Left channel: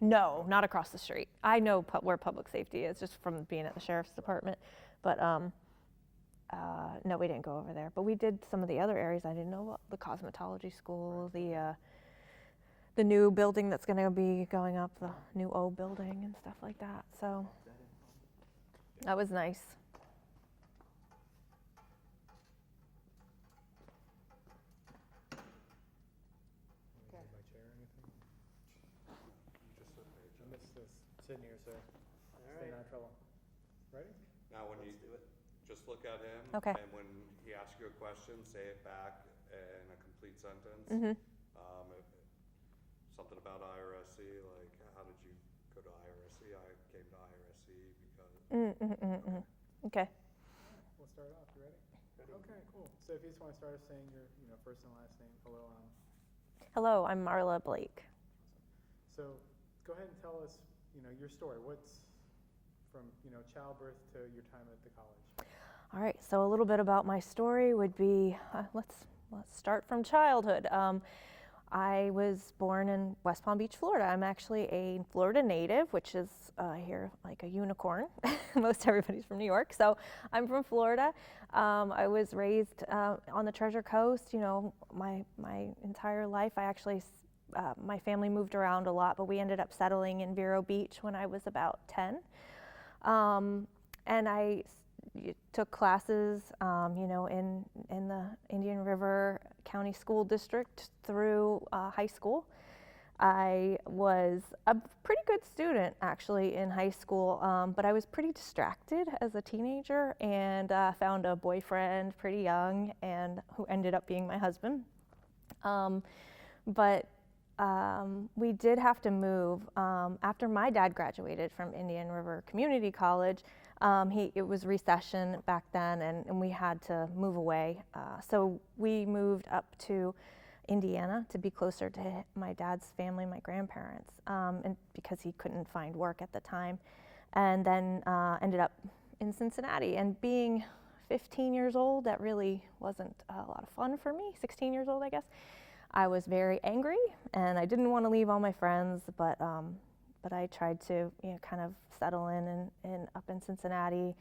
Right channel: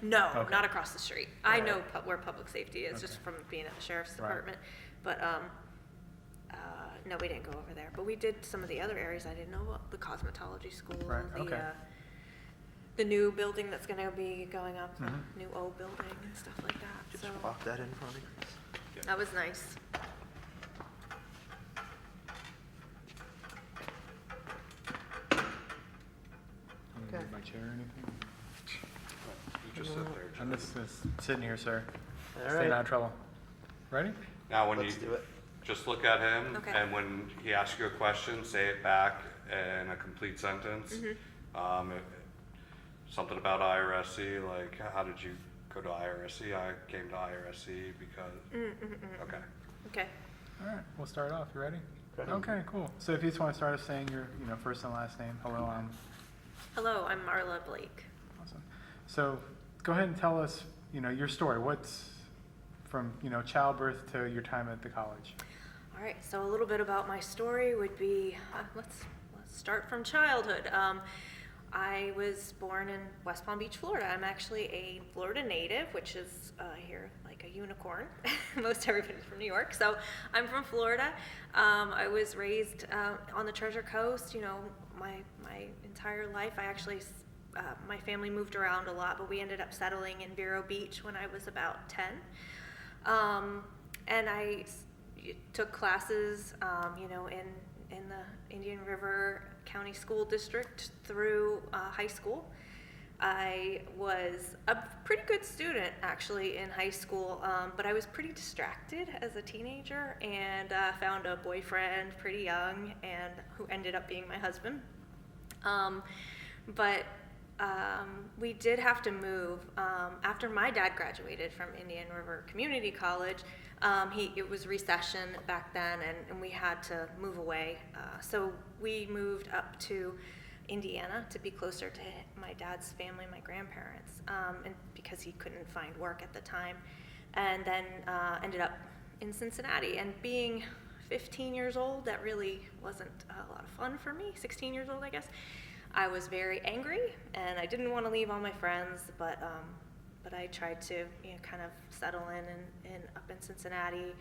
No, Okay. not across the street. I know where public safety is just from being at the sheriff's department. But no, we didn't go over there. But we did some of the other areas. I didn't know what the cosmetology school, Right, the okay. the new building that's going to be going up, the new O building and stuff like that. Just So pop that in front of you. that was nice. Okay. My chair or anything? You just sit there, I'm Jim. just sitting here, sir. All Staying right, out of trouble. Ready? Now, when you, let's do it. just look at him, Okay. and when he asks you a question, say it back in a complete sentence. Something about IRSC, like, how did you go to IRSC? I came to IRSC because, okay. Okay. All right, we'll start off. You ready? Okay. Okay, cool. So if you just want to start off saying your, first and last name. Hello, Hello, I'm Marla Blake. awesome. So go ahead and tell us, your story. What's from, childbirth to your time at the college. All right, so a little bit about my story would be, let's start from childhood. I was born in West Palm Beach, Florida. I'm actually a Florida native, which is here like a unicorn. Most everybody's from New York, so I'm from Florida. I was raised on the Treasure Coast, my entire life. I actually, my family moved around a lot, but we ended up settling in Vero Beach when I was about 10. And I took classes, in the Indian River County School District through high school. I was a pretty good student actually in high school, but I was pretty distracted as a teenager and found a boyfriend pretty young and who ended up being my husband. But we did have to move after my dad graduated from Indian River Community College. It was recession back then, and we had to move away. So we moved up to Indiana to be closer to my dad's family, my grandparents, and because he couldn't find work at the time. And then ended up in Cincinnati. And being 15 years old, that really wasn't a lot of fun for me. 16 years old, I guess. I was very angry, and I didn't want to leave all my friends, but I tried to, kind of settle in up in Cincinnati.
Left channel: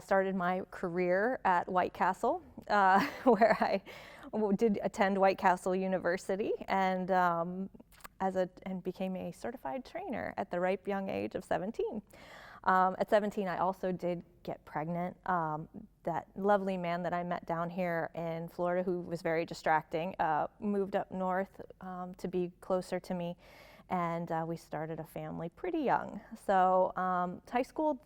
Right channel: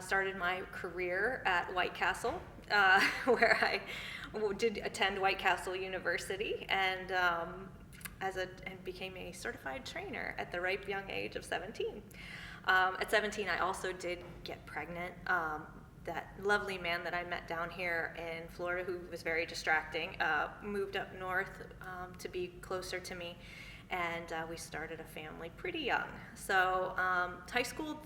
Started my career at White Castle, where I did attend White Castle University, and became a certified trainer at the ripe young age of 17. At 17, I also did get pregnant. That lovely man that I met down here in Florida, who was very distracting, moved up north to be closer to me, and we started a family pretty young. So high school,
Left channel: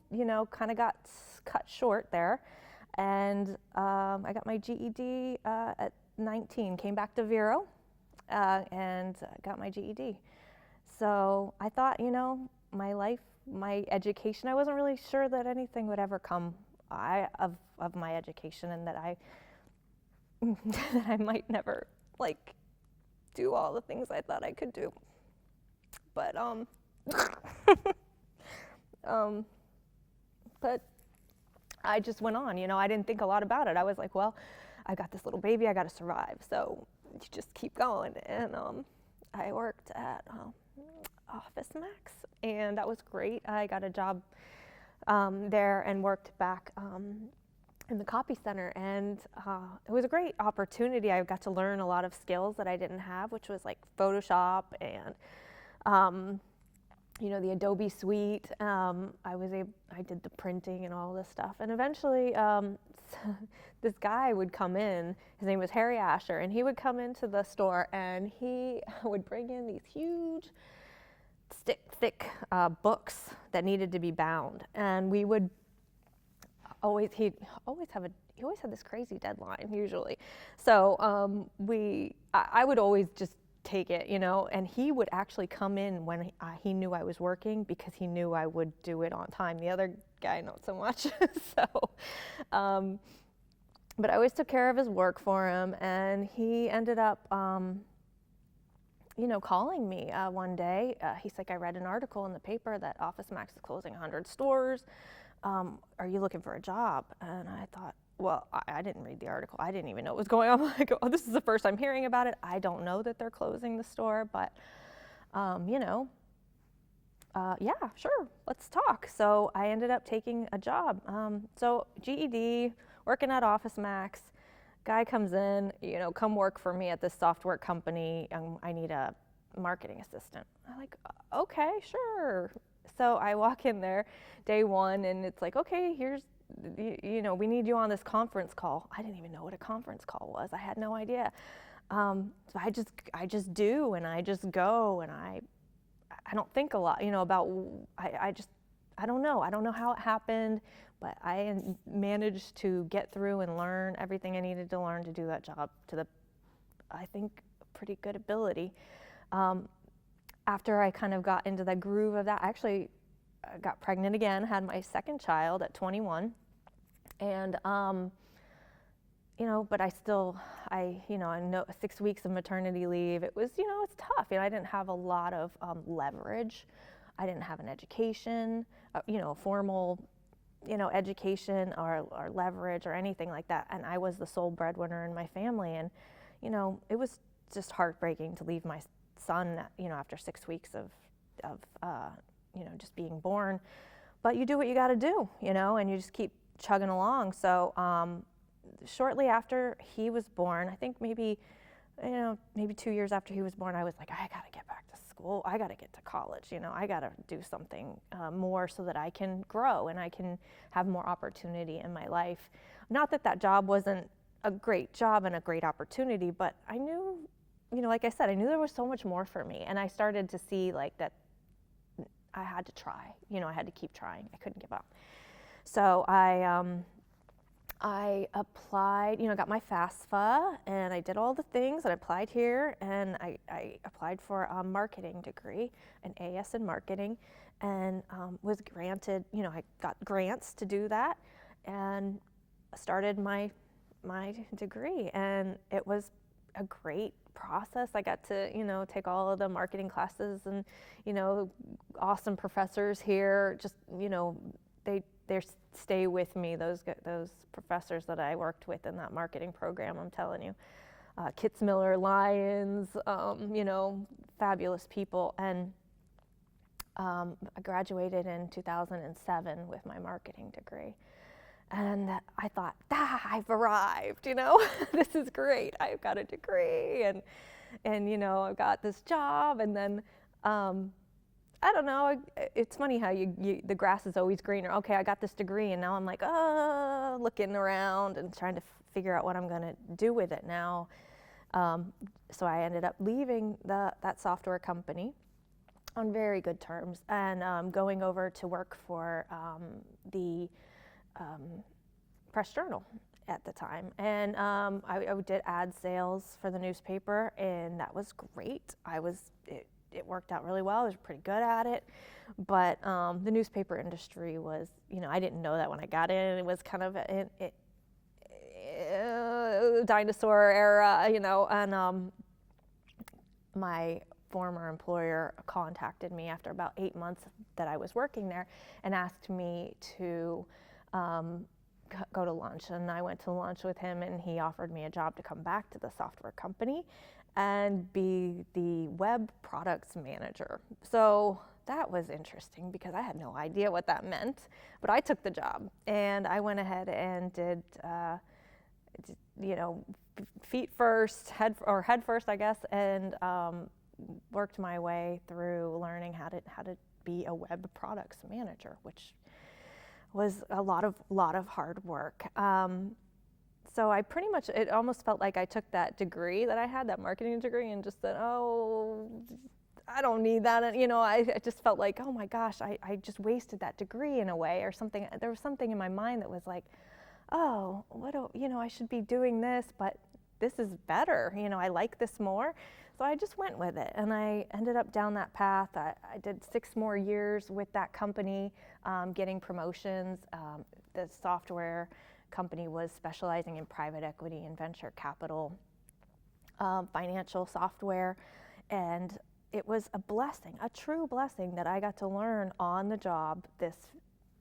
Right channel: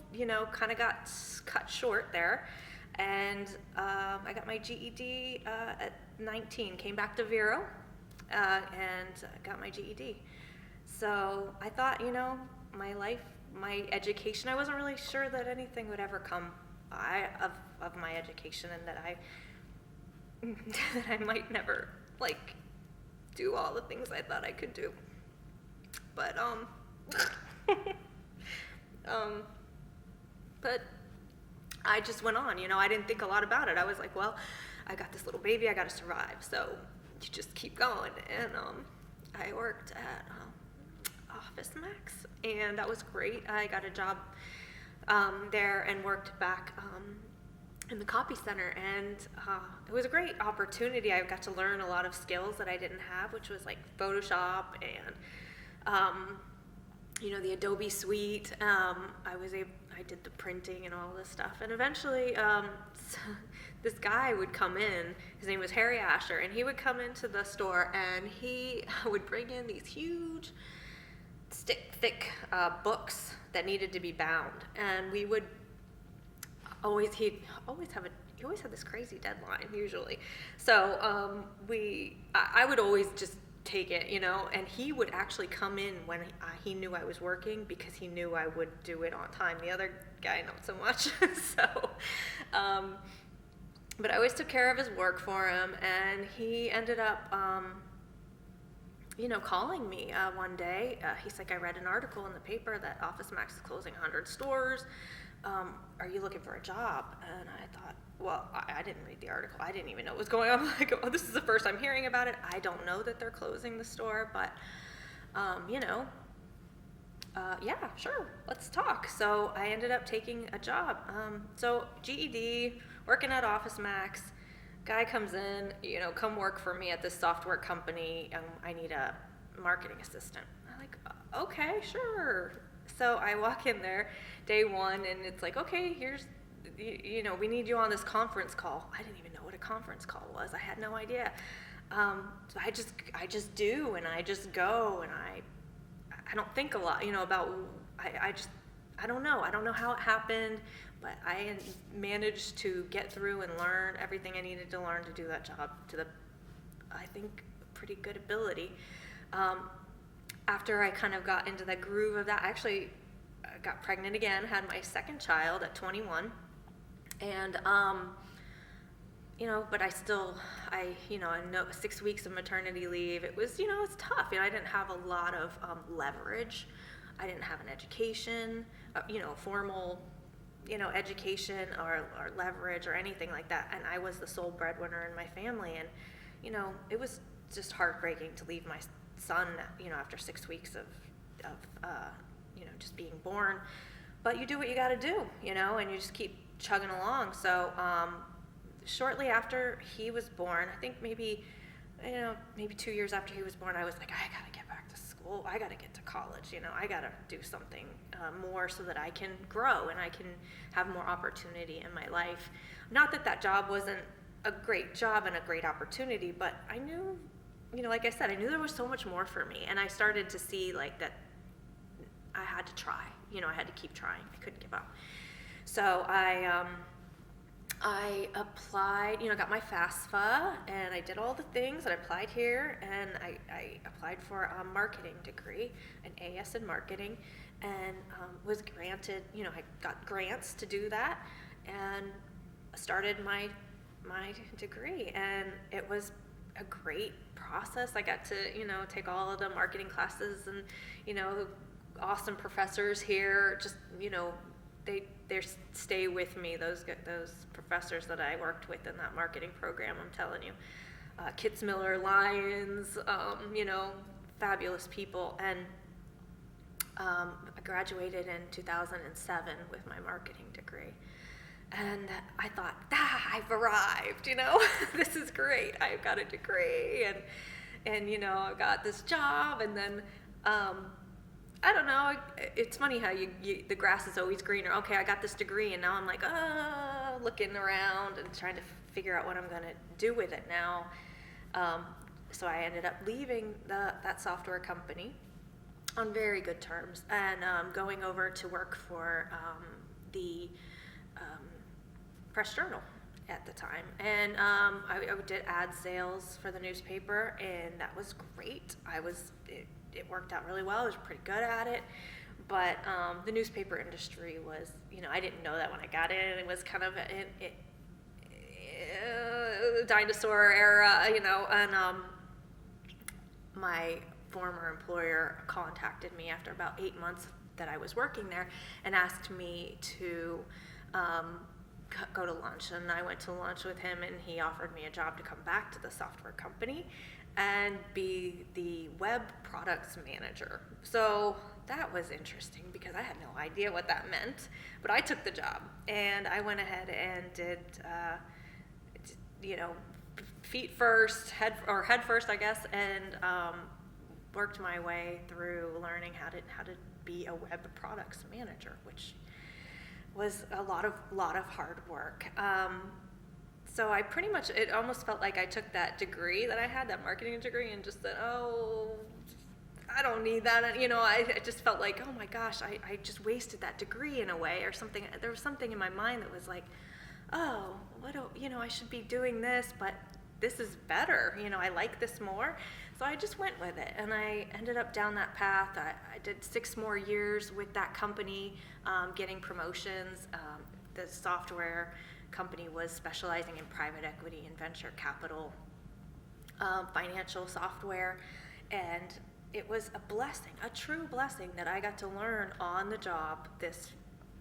kind of got cut short there, and I got my GED at 19, came back to Vero, and got my GED. So I thought, my life, my education, I wasn't really sure that anything would ever come of my education, and that I might never do all the things I thought I could do. But but I just went on. I didn't think a lot about it. I was like, well, I got this little baby, I got to survive. So you just keep going. And I worked at Office Max, and that was great. I got a job there and worked back in the copy center, and it was a great opportunity. I got to learn a lot of skills that I didn't have, which was like Photoshop and the Adobe Suite. I did the printing and all this stuff, and eventually this guy would come in. His name was Harry Asher, and he would come into the store, and he would bring in these huge, thick books that needed to be bound, and we would he always had this crazy deadline usually. So I would always just take it, and he would actually come in when he knew I was working, because he knew I would do it on time. The other guy, not so much. So, but I always took care of his work for him, and he ended up, calling me one day. He's like, I read an article in the paper that Office Max is closing 100 stores. Are you looking for a job? And I thought, well, I didn't read the article. I didn't even know what was going on. Like, oh, this is the first I'm hearing about it. I don't know that they're closing the store, but, Yeah, sure, let's talk. So I ended up taking a job. So GED, working at Office Max. Guy comes in, come work for me at this software company. I need a marketing assistant. I'm like, okay, sure. So I walk in there day one, and it's like, okay, here's, we need you on this conference call. I didn't even know what a conference call was. I had no idea. So I just do, and I just go, and I don't think a lot, about, I don't know how it happened, but I managed to get through and learn everything I needed to learn to do that job to I think, pretty good ability. After I kind of got into the groove of that, I actually got pregnant again, had my second child at 21, and, but I know 6 weeks of maternity leave, it was, it's tough. I didn't have a lot of leverage. I didn't have an education, formal, education or leverage or anything like that. And I was the sole breadwinner in my family. And, it was just heartbreaking to leave my son, after 6 weeks of just being born. But you do what you got to do, and you just keep chugging along. So, shortly after he was born, I think maybe 2 years after he was born, I was like, I gotta get back to school. I gotta get to college. I gotta do something more so that I can grow and I can have more opportunity in my life. Not that job wasn't a great job and a great opportunity, but I knew, like I said, I knew there was so much more for me, and I started to see like that I had to try. I had to keep trying. I couldn't give up. So I applied, got my FAFSA, and I did all the things, and I applied here, and I applied for a marketing degree, an AS in marketing, and was granted, I got grants to do that, and started my degree, and it was a great process. I got to, take all of the marketing classes, and, awesome professors here, just, they stay with me, those professors that I worked with in that marketing program, I'm telling you. Kitzmiller, Lyons, fabulous people. And I graduated in 2007 with my marketing degree. And I thought, I've arrived, this is great. I've got a degree, and I got this job, and then, I don't know. It's funny how the grass is always greener. Okay, I got this degree, and now I'm like, looking around and trying to figure out what I'm going to do with it now. So I ended up leaving that software company on very good terms, and going over to work for the Press Journal at the time. And I did ad sales for the newspaper, and that was great. It worked out really well. I was pretty good at it. But the newspaper industry was, I didn't know that when I got in. It was kind of a dinosaur era, and my former employer contacted me after about 8 months that I was working there and asked me to go to lunch. And I went to lunch with him, and he offered me a job to come back to the software company and be the web products manager. So that was interesting because I had no idea what that meant, but I took the job, and I went ahead and did, feet first, head first, I guess, and worked my way through learning how to be a web products manager, which was a lot of hard work. So I pretty much, it almost felt like I took that degree that I had, that marketing degree, and just said, I don't need that. I just felt like, oh my gosh, I just wasted that degree in a way, or something. There was something in my mind that was like, I should be doing this, but this is better. I like this more. So I just went with it, and I ended up down that path. I did 6 more years with that company, getting promotions. The software company was specializing in private equity and venture capital, financial software, and it was a blessing, a true blessing, that I got to learn on the job this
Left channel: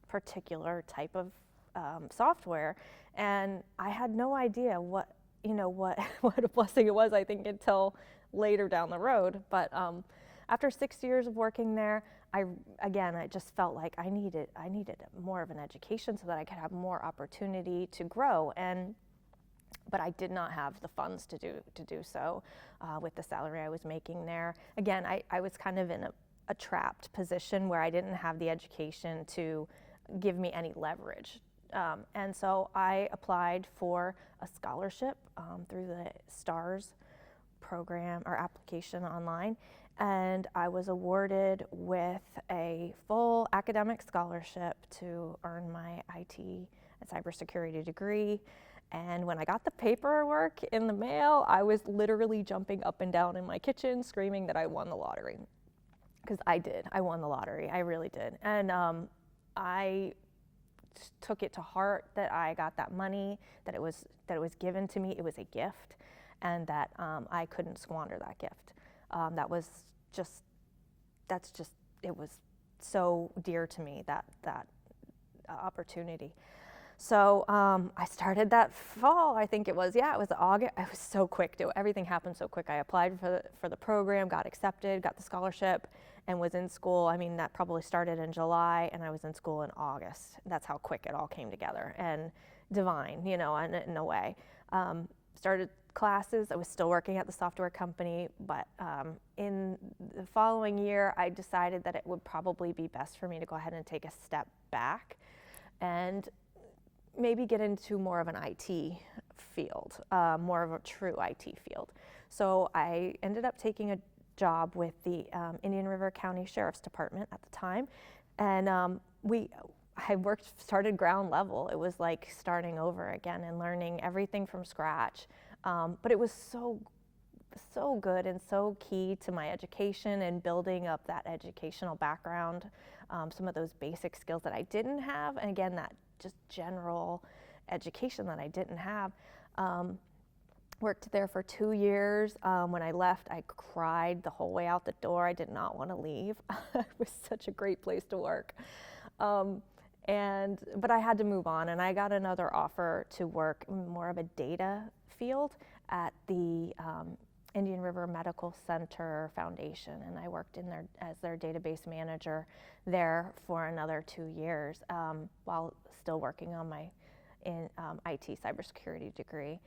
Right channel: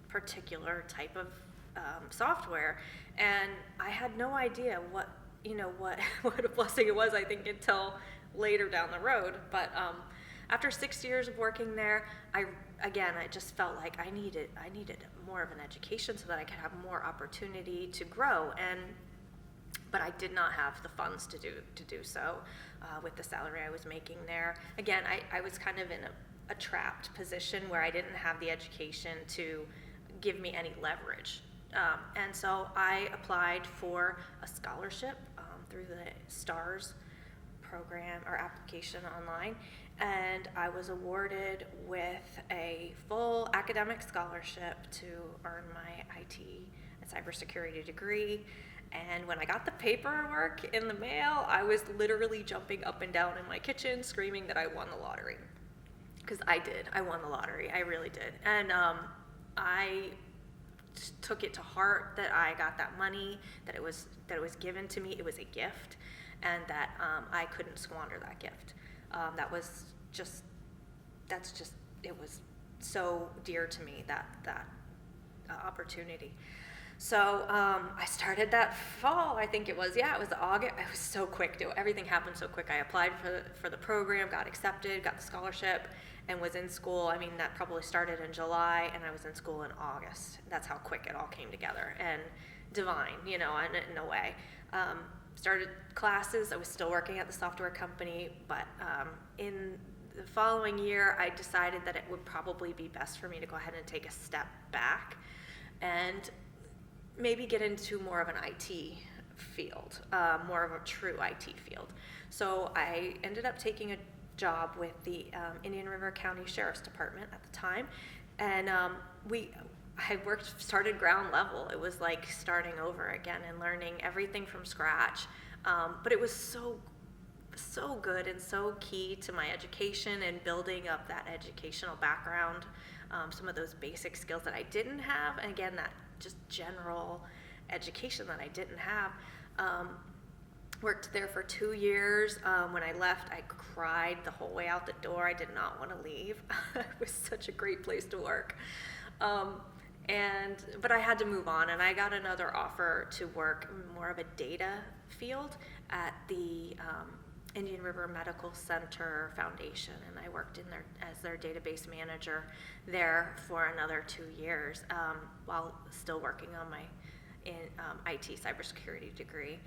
particular type of software, and I had no idea what a blessing it was, I think, until later down the road. But after 6 years of working there, I just felt like I needed more of an education so that I could have more opportunity to grow. But I did not have the funds to do so with the salary I was making there. Again, I was kind of in a trapped position where I didn't have the education to give me any leverage. And so I applied for a scholarship through the STARS program or application online, and I was awarded with a full academic scholarship to earn my IT and cybersecurity degree. And when I got the paperwork in the mail, I was literally jumping up and down in my kitchen screaming that I won the lottery. Because I did. I won the lottery. I really did. And I took it to heart that I got that money, that it was given to me. It was a gift, and that I couldn't squander that gift. It was so dear to me, that opportunity. So I started that fall, I think it was August. I was so quick. Everything happened so quick. I applied for the program, got accepted, got the scholarship, and was in school. I mean, that probably started in July, and I was in school in August. That's how quick it all came together, and divine, in a way. Started classes. I was still working at the software company, but in the following year, I decided that it would probably be best for me to go ahead and take a step back and maybe get into more of an IT field, more of a true IT field. So I ended up taking a job with the Indian River County Sheriff's Department at the time, and started ground level. It was like starting over again and learning everything from scratch. But it was so good and so key to my education and building up that educational background, some of those basic skills that I didn't have, and again, that just general education that I didn't have. Worked there for 2 years. When I left, I cried the whole way out the door. I did not want to leave. It was such a great place to work. But I had to move on, and I got another offer to work more of a data field at the Indian River Medical Center Foundation, and I worked as their database manager there for another 2 years while still working on my IT cybersecurity degree.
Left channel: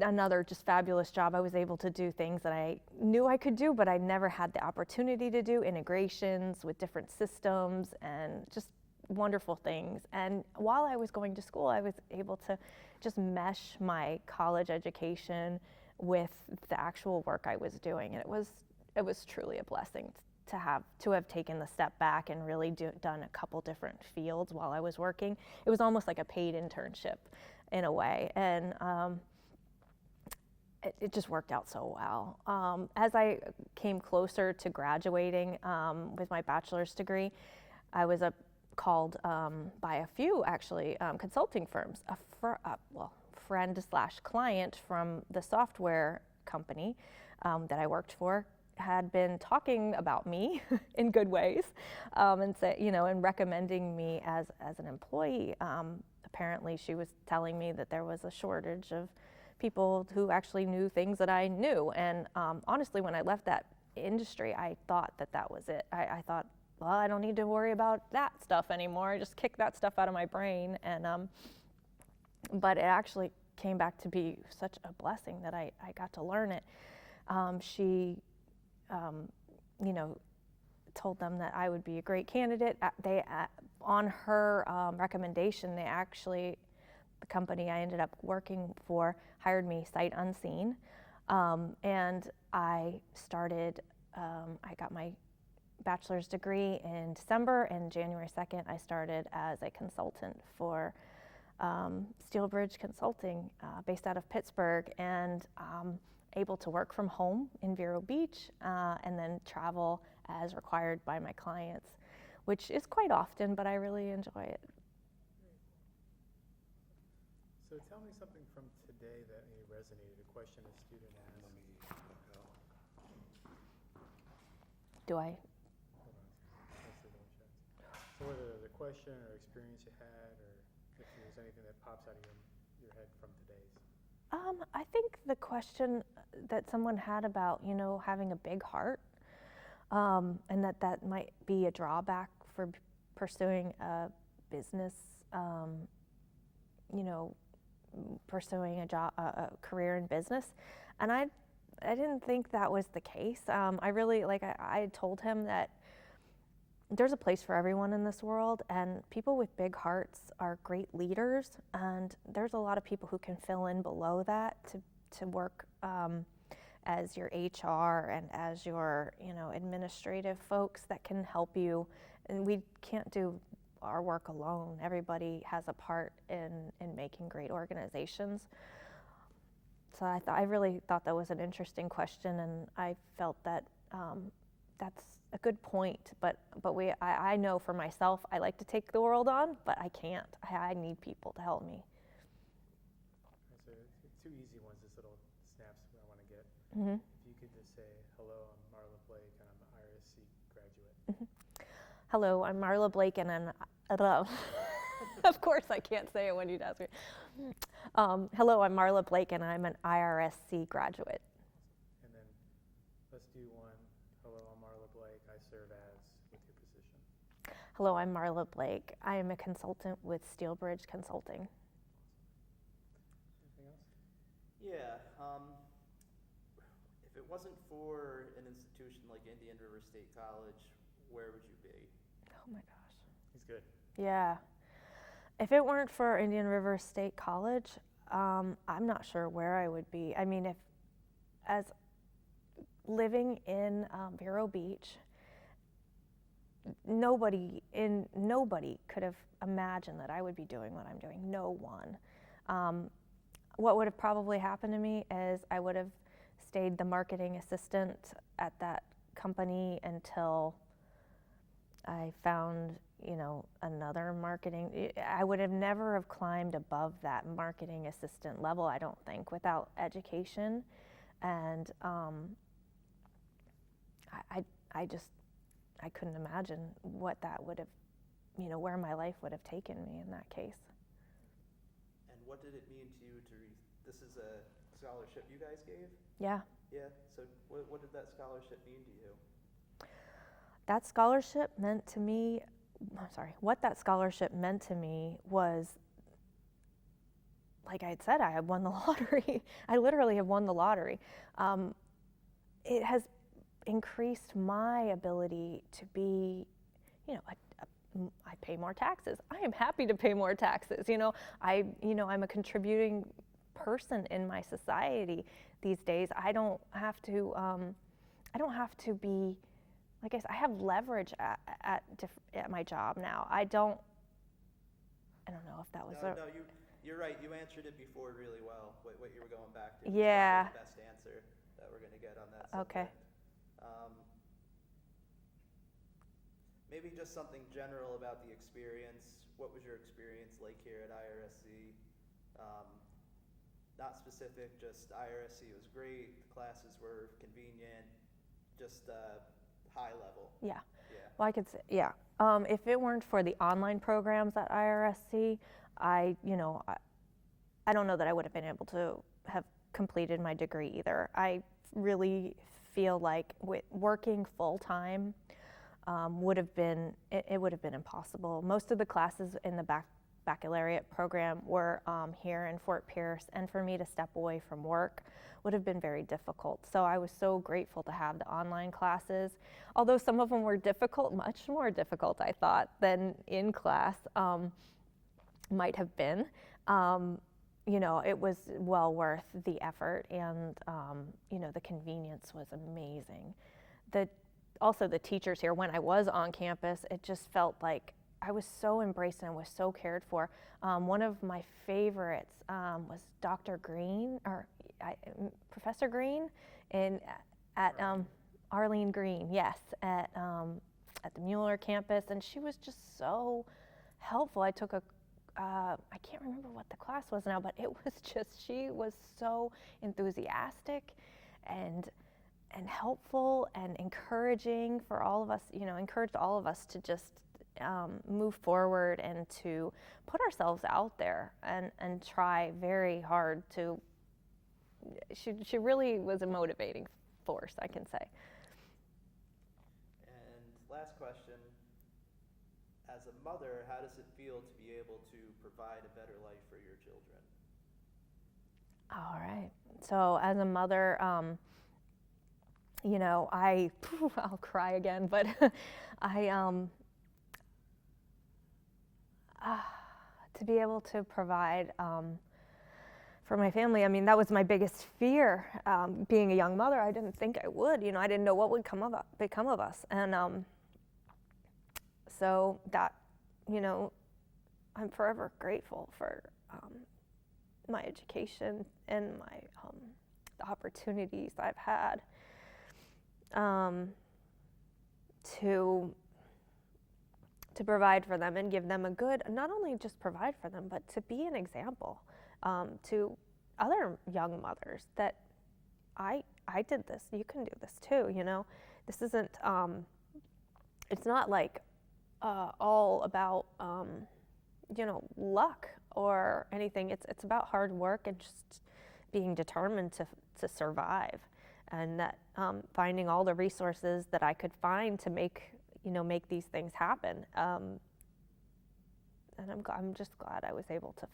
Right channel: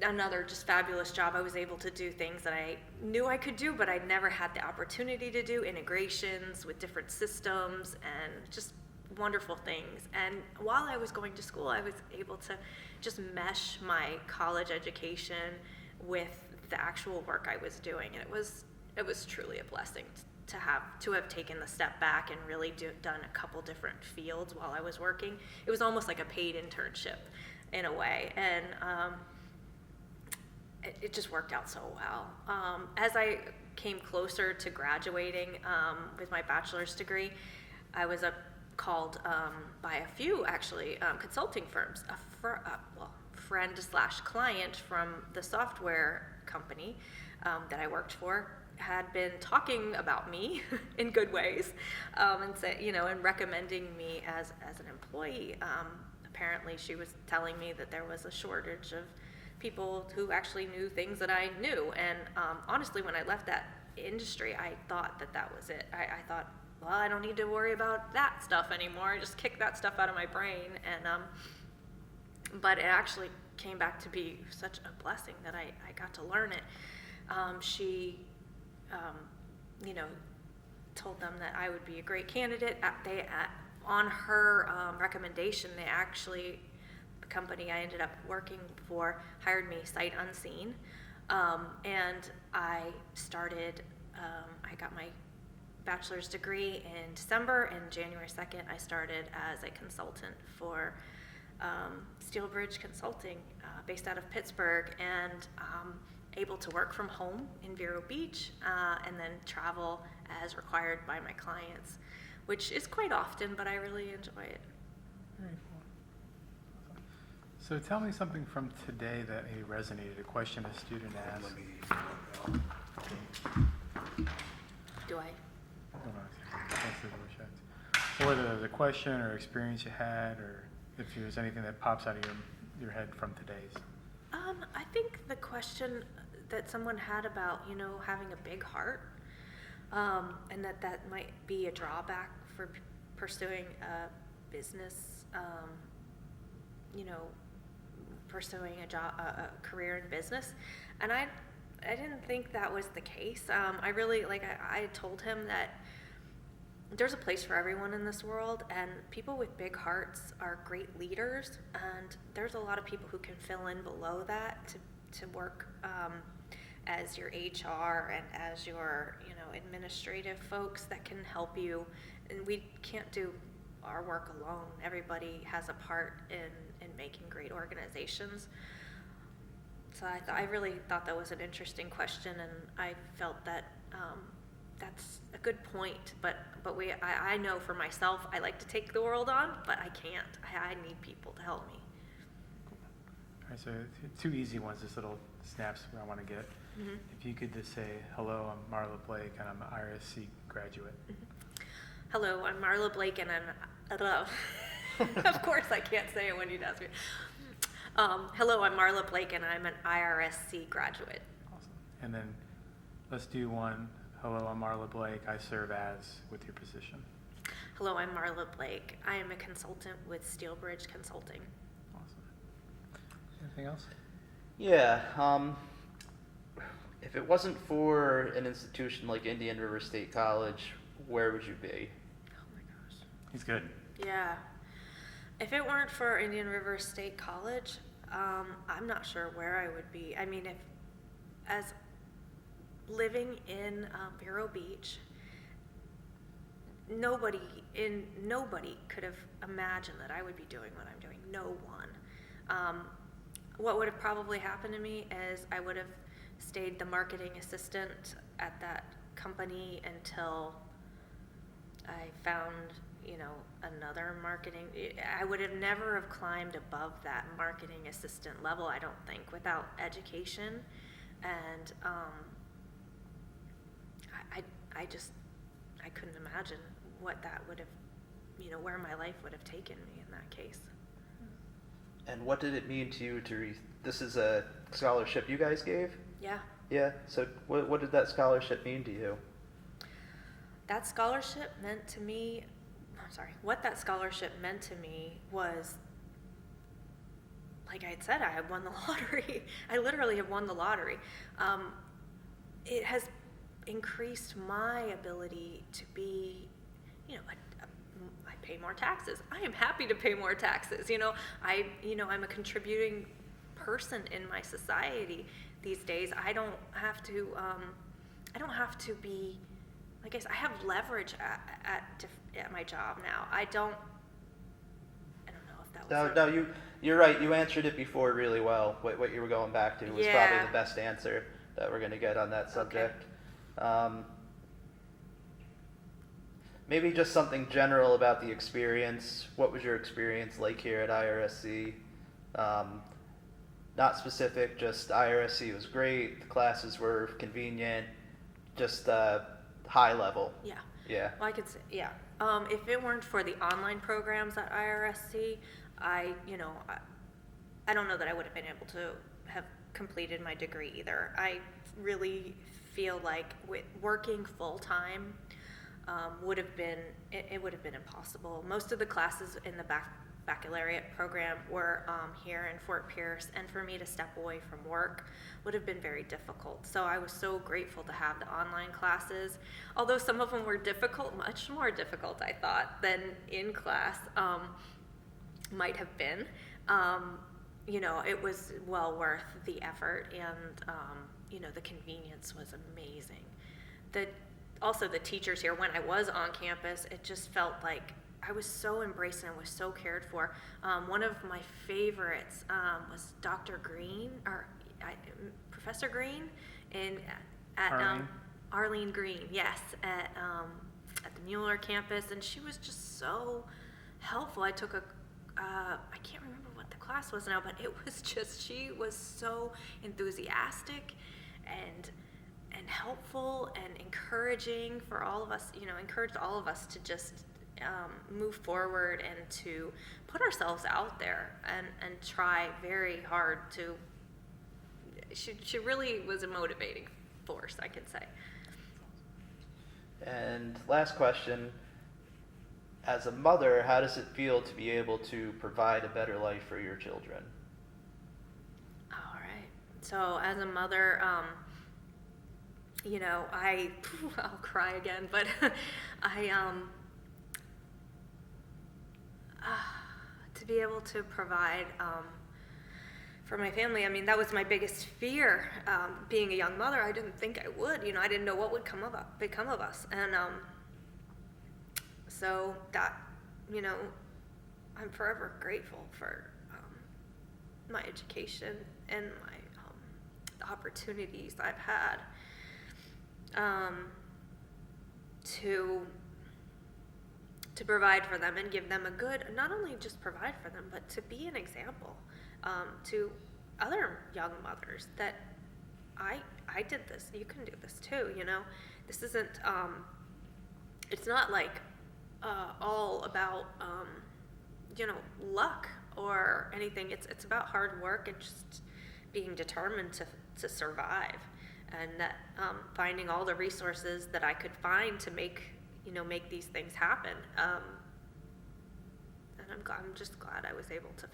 Another just fabulous job. I was able to do things that I knew I could do, but I never had the opportunity to do, integrations with different systems and just wonderful things. And while I was going to school, I was able to just mesh my college education with the actual work I was doing. And it was truly a blessing to have taken the step back and really done a couple different fields while I was working. It was almost like a paid internship in a way, and it just worked out so well. As I came closer to graduating with my bachelor's degree, I was called by a few actually consulting firms. A friend/client from the software company that I worked for had been talking about me in good ways, and recommending me as an employee. Apparently, she was telling me that there was a shortage of people who actually knew things that I knew. And honestly, when I left that industry, I thought that was it. I thought, well, I don't need to worry about that stuff anymore. Just kick that stuff out of my brain. And but it actually came back to be such a blessing that I got to learn it. She told them that I would be a great candidate. On her recommendation, the company I ended up working for hired me sight unseen, and I started. I got my bachelor's degree in December, and January 2nd, I started as a consultant for Steelbridge Consulting, based out of Pittsburgh, and able to work from home in Vero Beach, and then travel as required by my clients, which is quite often, but I really enjoy it. Very cool. So tell me something from today that maybe resonated, a question a student asked. Do I? Hold on a second. Or the question or experience you had, or if there's anything that pops out of your head from today's. I think the question, that someone had about, you know, having a big heart, and that might be a drawback for pursuing a business, you know, pursuing a job, a career in business. And I didn't think that was the case. I really, like, I told him that there's a place for everyone in this world, and people with big hearts are great leaders, and there's a lot of people who can fill in below that to work as your HR and as your, you know, administrative folks that can help you. And we can't do our work alone. Everybody has a part in making great organizations. So I really thought that was an interesting question, and I felt that that's a good point. But I know for myself, I like to take the world on, but I can't. I need people to help me. All right, so two easy ones, just little snaps I want to get. Mm-hmm. If you could just say, hello, I'm Marla Blake, and I'm an IRSC graduate. Mm-hmm. Hello, I'm Marla Blake, and I'm, of course I can't say it when you'd ask me. Hello, I'm Marla Blake, and I'm an IRSC graduate. Awesome. And then let's do one. Hello, I'm Marla Blake. I serve as with your position. Hello, I'm Marla Blake. I am a consultant with Steelbridge Consulting. Awesome. Anything else? Yeah. If it wasn't for an institution like Indian River State College, where would you be? Oh my gosh. He's good. Yeah. If it weren't for Indian River State College, I'm not sure where I would be. I mean, as living in Vero Beach, nobody could have imagined that I would be doing what I'm doing. No one. What would have probably happened to me is I would have stayed the marketing assistant at that company until I found, you know, another marketing. I would have never have climbed above that marketing assistant level, I don't think, without education. And I couldn't imagine what that would have, you know, where my life would have taken me in that case. And what did it mean to you this is a scholarship you guys gave? Yeah. Yeah. So what did that scholarship mean to you? That scholarship meant to me, what that scholarship meant to me was, like I had said, I had won the lottery. I literally had won the lottery. It has increased my ability to be, you know, I pay more taxes. I am happy to pay more taxes. You know, I'm a contributing person in my society these days. I don't have to be, I guess I have leverage at my job now. I don't know if that was You're right. You answered it before really well. What you were going back to was probably the best answer that we're going to get on that subject. Okay. Maybe just something general about the experience. What was your experience like here at IRSC? Not specific, just IRSC was great. The classes were convenient. Just high level. Yeah. Yeah. Well, I could say, yeah. If it weren't for the online programs at IRSC, I don't know that I would have been able to have completed my degree either. I really feel like working full time would have been impossible. Most of the classes in the baccalaureate program were here in Fort Pierce, and for me to step away from work would have been very difficult. So I was so grateful to have the online classes, although some of them were difficult, much more difficult, I thought, than in class might have been. You know, it was well worth the effort, and you know, the convenience was amazing. Also the teachers here, when I was on campus, it just felt like I was so embraced and I was so cared for. One of my favorites was Dr. Green, Professor Green, at Arlene Green, yes, at the Mueller campus, and she was just so helpful. I took I can't remember what the class was now, but it was just, she was so enthusiastic and helpful and encouraging for all of us, you know, encouraged all of us to just move forward and to put ourselves out there and try very hard to she really was a motivating force, I can say. And last question, as a mother, how does it feel to be able to provide a better life for your children? All right. So as a mother, you know, I'll cry again, but to be able to provide for my family, I mean, that was my biggest fear. Being a young mother, I didn't think I would. You know, I didn't know what would become of us, and so that, you know, I'm forever grateful for my education and my the opportunities I've had to provide for them and give them a good, not only just provide for them, but to be an example to other young mothers that I did this, you can do this too, you know. This isn't, it's not like all about, you know, luck or anything. It's about hard work and just being determined to survive, and that finding all the resources that I could find to make these things happen. And I'm just glad I was able to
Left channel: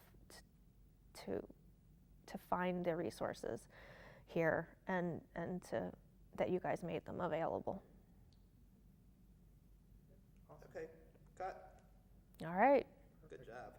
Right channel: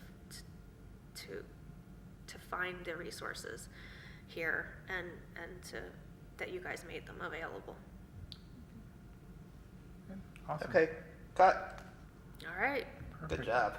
find the resources here and that you guys made them available. Awesome. Okay, cut. All right. Perfect. Good job.